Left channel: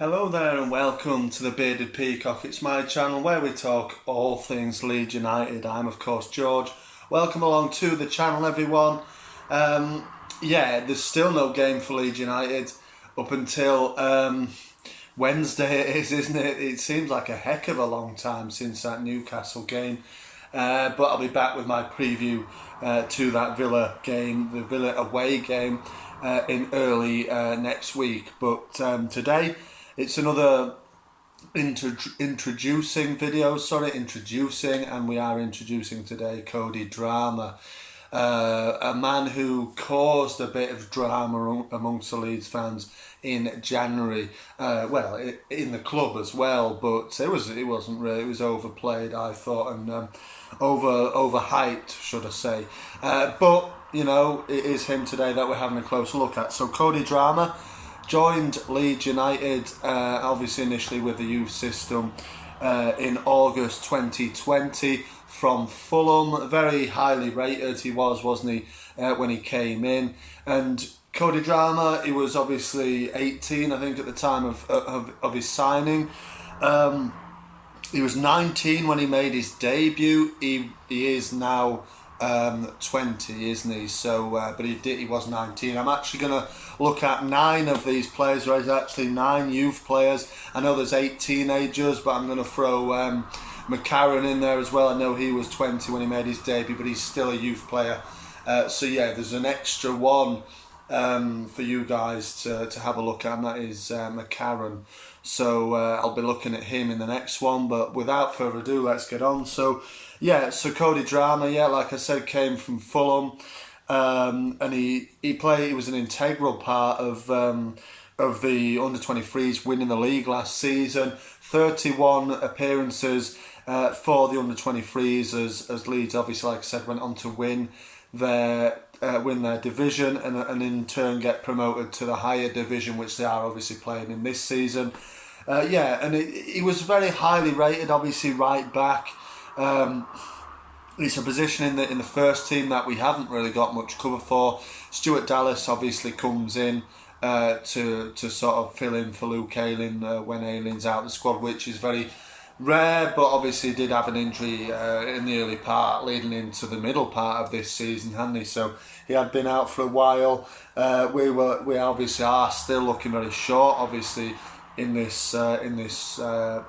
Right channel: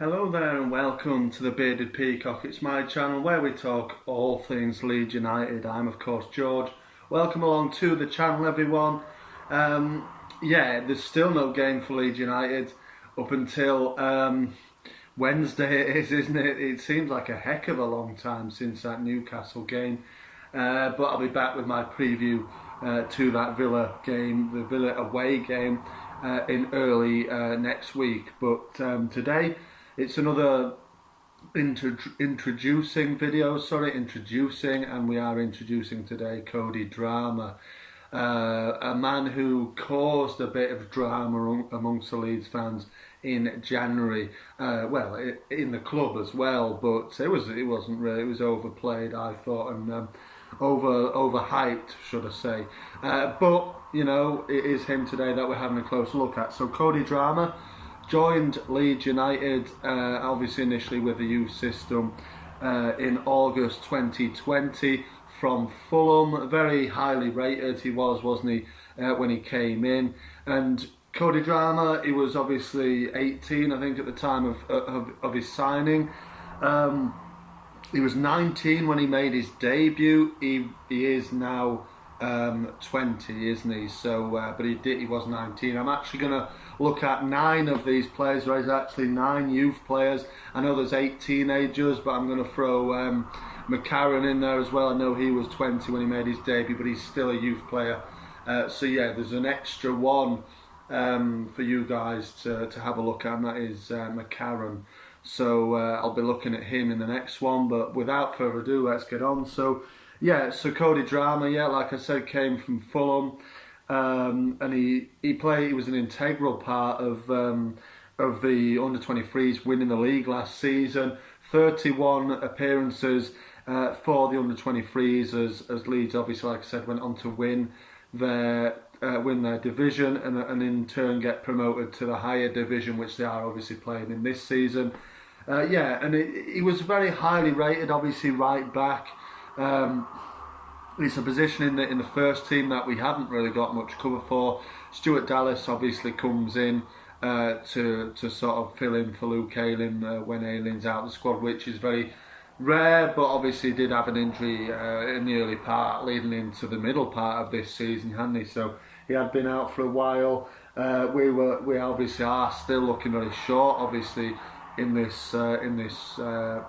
Hello there and welcome to the Bearded Peacock. It's my channel where we talk all things Leeds United. I'm of course George. Welcome along to the channel everyone. There's still no game for Leeds United up until Wednesday it is, isn't it? It seems like a heck of a long time since that Newcastle game. But I'll be back with my preview to that Villa game, the Villa away game in early next week. But today it's another introducing video, and we are introducing today Cody Drameh, a man who caused a bit of drama amongst the Leeds fans in January. In the club as well, but it wasn't really. It was overplayed, I thought, and overhyped, should I say? But you know, it is him today that we're having a closer look at. So Cody Drameh joined Leeds United, obviously initially with the youth system, in August 2020 from Fulham. Very highly rated he was, wasn't he, when he came in. And Cody Drameh, he was obviously 18, I think, at the time of his signing. He was 19 when he made his debut. He is now 20, isn't he? So, but he was 19. I'm actually going to look at 9 of these players. There's actually 9 youth players. I know there's 8 teenagers, but I'm going to throw McCarron in there as well. I know he was 20 when he made his debut, but he's still a youth player. So yeah, there's an extra one for you guys to have a look at, and that is McCarron. So I'll be looking at him in the next one, but without further ado, let's get on. So Cody Drameh, like I said, came from Fulham, and he was an integral part of the under-23s winning the league last season. 31 appearances for the under-23s as Leeds, obviously, like I said, went on to win their division and in turn get promoted to the higher division, which they are obviously playing in this season. He was very highly rated, obviously right back. It's a position in the first team that we haven't really got much cover for. Stuart Dallas obviously comes in to sort of fill in for Luke Ayling when Ayling's out of the squad, which is very rare, but obviously did have an injury in the early part leading into the middle part of this season, hadn't he? So he had been out for a while. We obviously are still looking very short, obviously, in this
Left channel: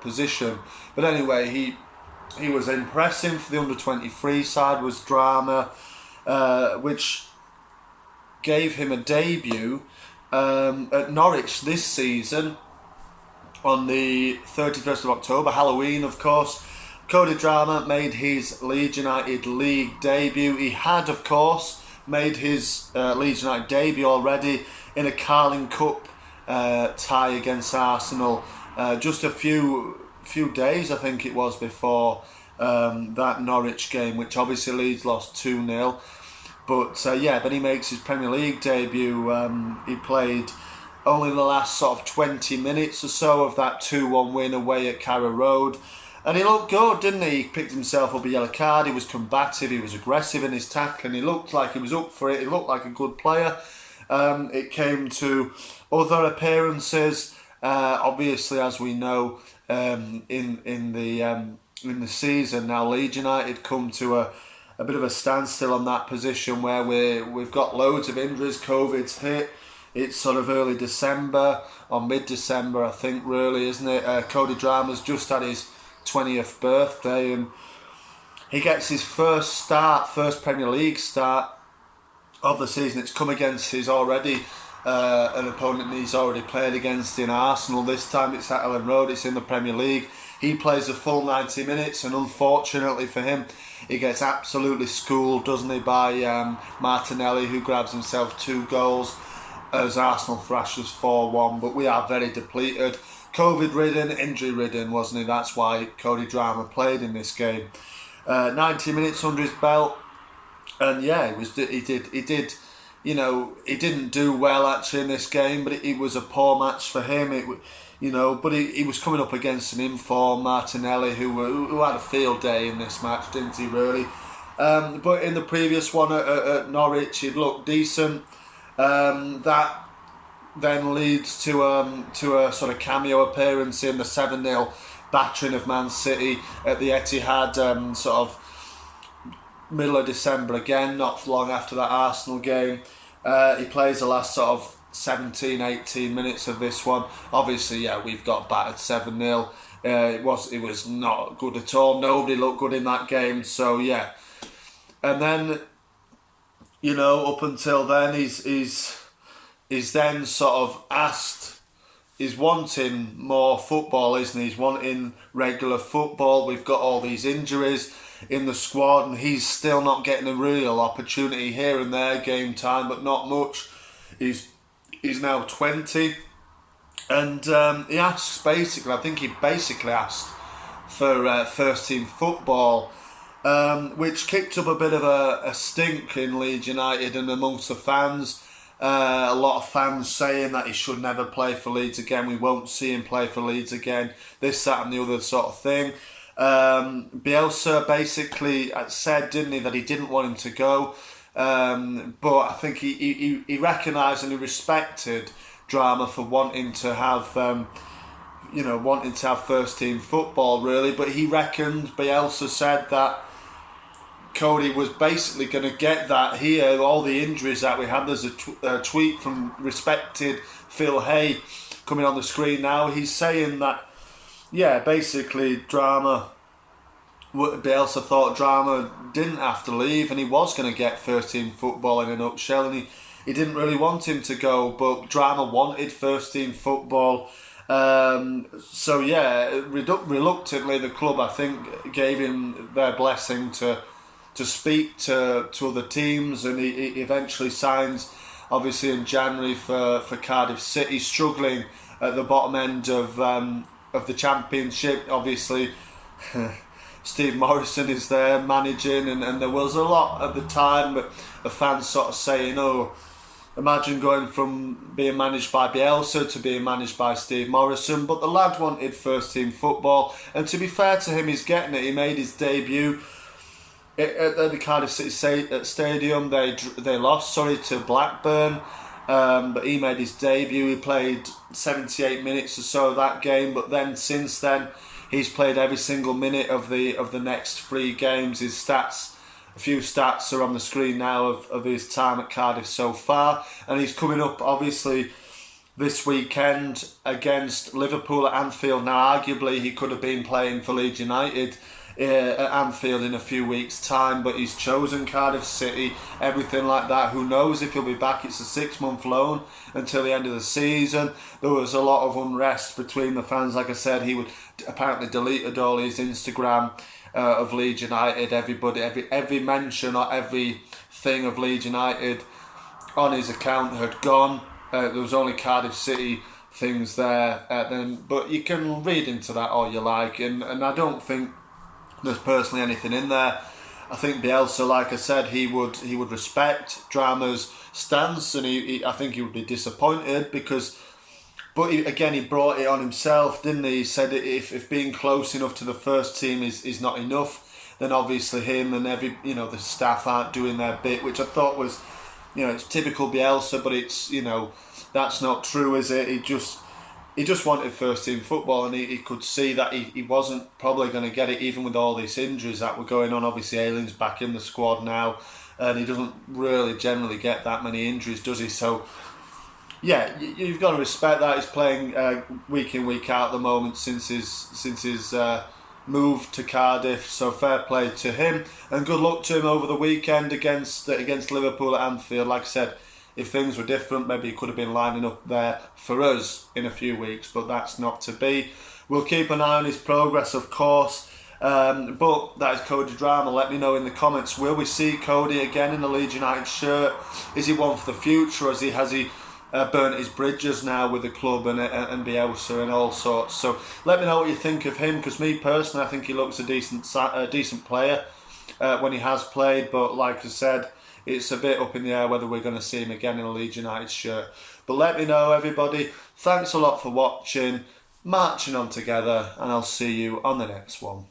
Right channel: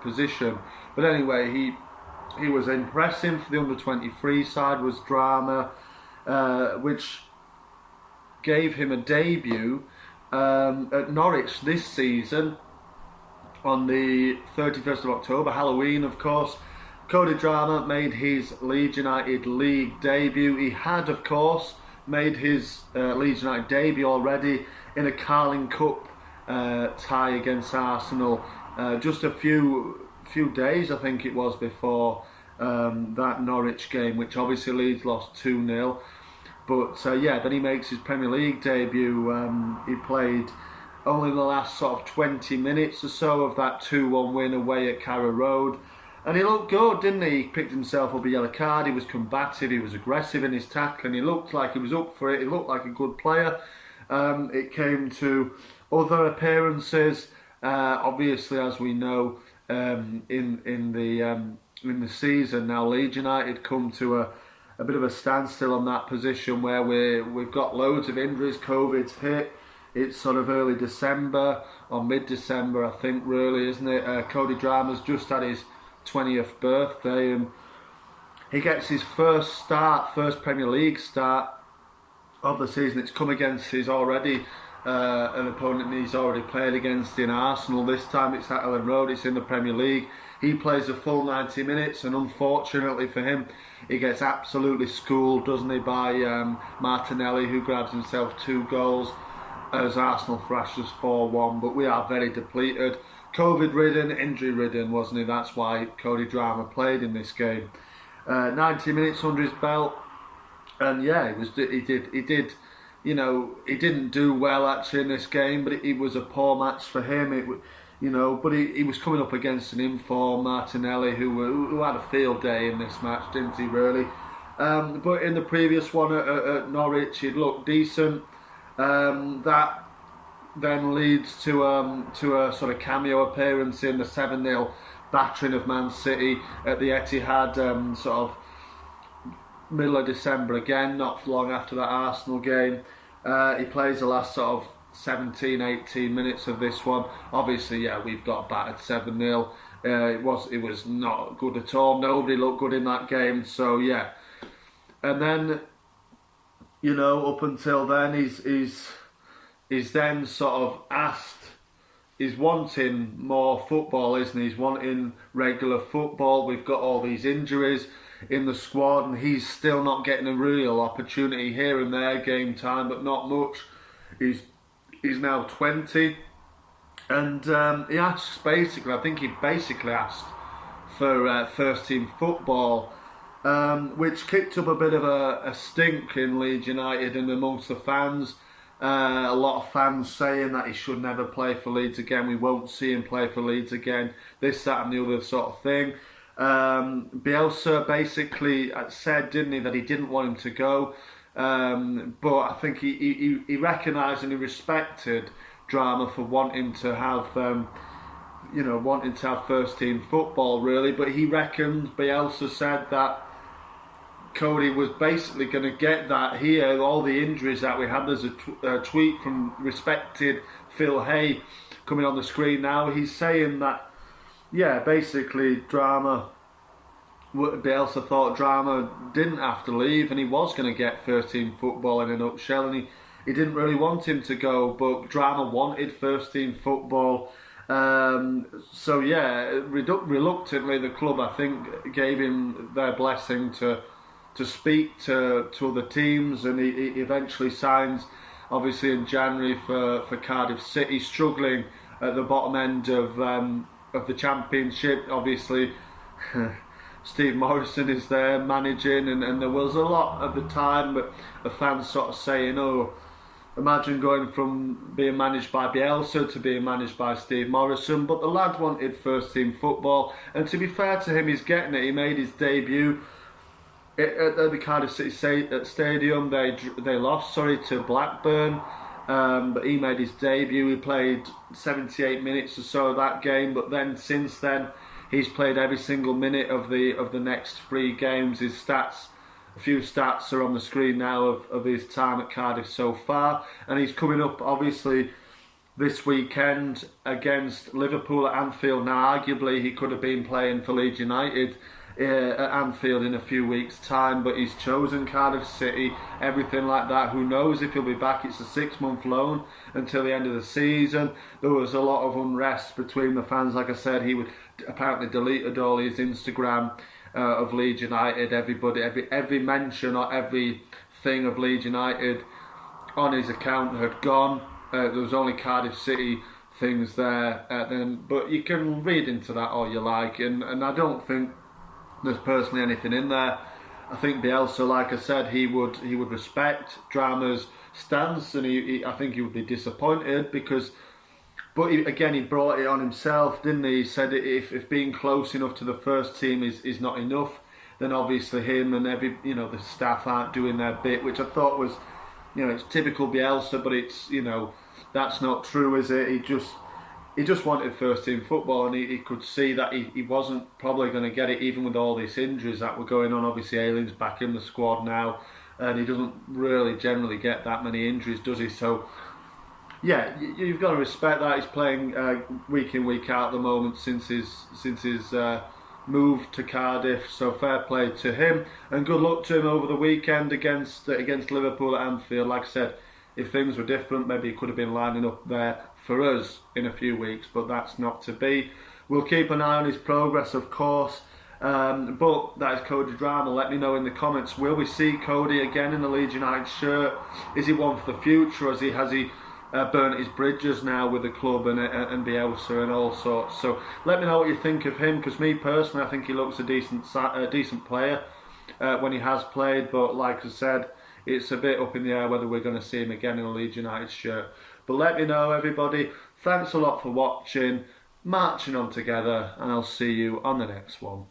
position. But anyway, he was impressive for the under-23 side, was Drameh, which gave him a debut at Norwich this season on the 31st of October, Halloween, of course. Cody Drameh made his Leeds United league debut. He had, of course, made his Leeds United debut already in a Carling Cup tie against Arsenal just a few days, I think it was, before that Norwich game, which obviously Leeds lost 2-0. But then he makes his Premier League debut. He played only the last sort of 20 minutes or so of that 2-1 win away at Carrow Road. And he looked good, didn't he? He picked himself up a yellow card. He was combative, he was aggressive in his tackling. He looked like he was up for it. He looked like a good player. It came to other appearances. Obviously, as we know, in the season now, Leeds United come to a bit of a standstill on that position where we've got loads of injuries. COVID's hit. It's sort of early December or mid-December, I think, really, isn't it? Cody Drameh's just had his 20th birthday, and he gets his first Premier League start of the season. It's come against his already an opponent he's already played against in Arsenal. This time it's at Ellen Road. It's in the Premier League. He plays a full 90 minutes, and unfortunately for him, he gets absolutely schooled, doesn't he, by Martinelli, who grabs himself 2 goals as Arsenal thrashes 4-1. But we are very depleted. COVID-ridden, injury-ridden, wasn't he? That's why Cody Drameh played in this game. 90 minutes under his belt, and yeah, he did. You know, he didn't do well actually in this game, but it was a poor match for him. But he was coming up against an informed Martinelli who had a field day in this match, didn't he? Really. But in the previous one at Norwich, he'd looked decent. That then leads to a sort of cameo appearance in the 7-0 battering of Man City at the Etihad, sort of middle of December again, not long after that Arsenal game. He plays the last sort of 17, 18 minutes of this one. Obviously, yeah, we've got battered 7-0. It was not good at all. Nobody looked good in that game. So yeah, and then, you know, up until then, he's then sort of asked. He's wanting more football, isn't he? He's wanting regular football. We've got all these injuries in the squad, and he's still not getting a real opportunity here and there, game time, but not much. He's now 20, and he asks basically. I think he basically asked for first team football, which kicked up a bit of a stink in Leeds United and amongst the fans. A lot of fans saying that he should never play for Leeds again. We won't see him play for Leeds again. This, that, and the other sort of thing. Bielsa basically said, didn't he, that he didn't want him to go. But I think he recognised and he respected Drameh for wanting to have first team football, really. But he reckoned, Bielsa said that Cody was basically going to get that here, all the injuries that we had. There's a tweet from respected Phil Hay coming on the screen now. He's saying that, yeah, basically Bielsa thought Drameh didn't have to leave and he was going to get first team football in a nutshell, and he didn't really want him to go, but Drameh wanted first team football. So yeah, reluctantly the club, I think, gave him their blessing to speak to other teams, and he eventually signs, obviously in January, for Cardiff City, struggling at the bottom end of the Championship. Obviously, Steve Morrison is there managing, and there was a lot at the time, but the fans sort of saying, "Oh, imagine going from being managed by Bielsa to being managed by Steve Morrison." But the lad wanted first team football, and to be fair to him, he's getting it. He made his debut at the Cardiff City Stadium. They lost, to Blackburn, but he made his debut. He played 78 minutes or so of that game, but then since then he's played every single minute of the next 3 games. His stats, a few stats are on the screen now of his time at Cardiff so far, and he's coming up obviously this weekend against Liverpool at Anfield. Now arguably he could have been playing for Leeds United at Anfield in a few weeks' time, but he's chosen Cardiff City, everything like that. Who knows if he'll be back? It's a 6-month loan until the end of the season. There was a lot of unrest between the fans. Like I said, he would apparently deleted all his Instagram of Leeds United. Everybody, every mention or every thing of Leeds United on his account had gone. There was only Cardiff City things there. But you can read into that all you like, and I don't think there's personally anything in there. I think Bielsa, like I said, he would respect Drameh's stance, and I think he would be disappointed because, but he brought it on himself, didn't he? He said if being close enough to the first team is not enough, then obviously him and the staff aren't doing their bit, which I thought was, it's typical Bielsa, but it's, that's not true, is it? He just wanted first team football, and he could see that he wasn't probably going to get it, even with all these injuries that were going on. Obviously Ayling's back in the squad now, and he doesn't really generally get that many injuries, does he? So yeah, you've got to respect that. He's playing week in, week out at the moment since his move to Cardiff, so fair play to him, and good luck to him over the weekend against Liverpool at Anfield. Like I said, if things were different, maybe he could have been lining up there for us in a few weeks, but that's not to be. We'll keep an eye on his progress, of course. But that is Cody Drameh. Let me know in the comments, will we see Cody again in the Leeds United shirt? Is he one for the future, or has he burnt his bridges now with the club and Bielsa and all sorts? So let me know what you think of him, because me personally, I think he looks a decent player when he has played, but like I said, it's a bit up in the air whether we're going to see him again in a Leeds United shirt. But let me know, everybody. Thanks a lot for watching. Marching on together, and I'll see you on the next one.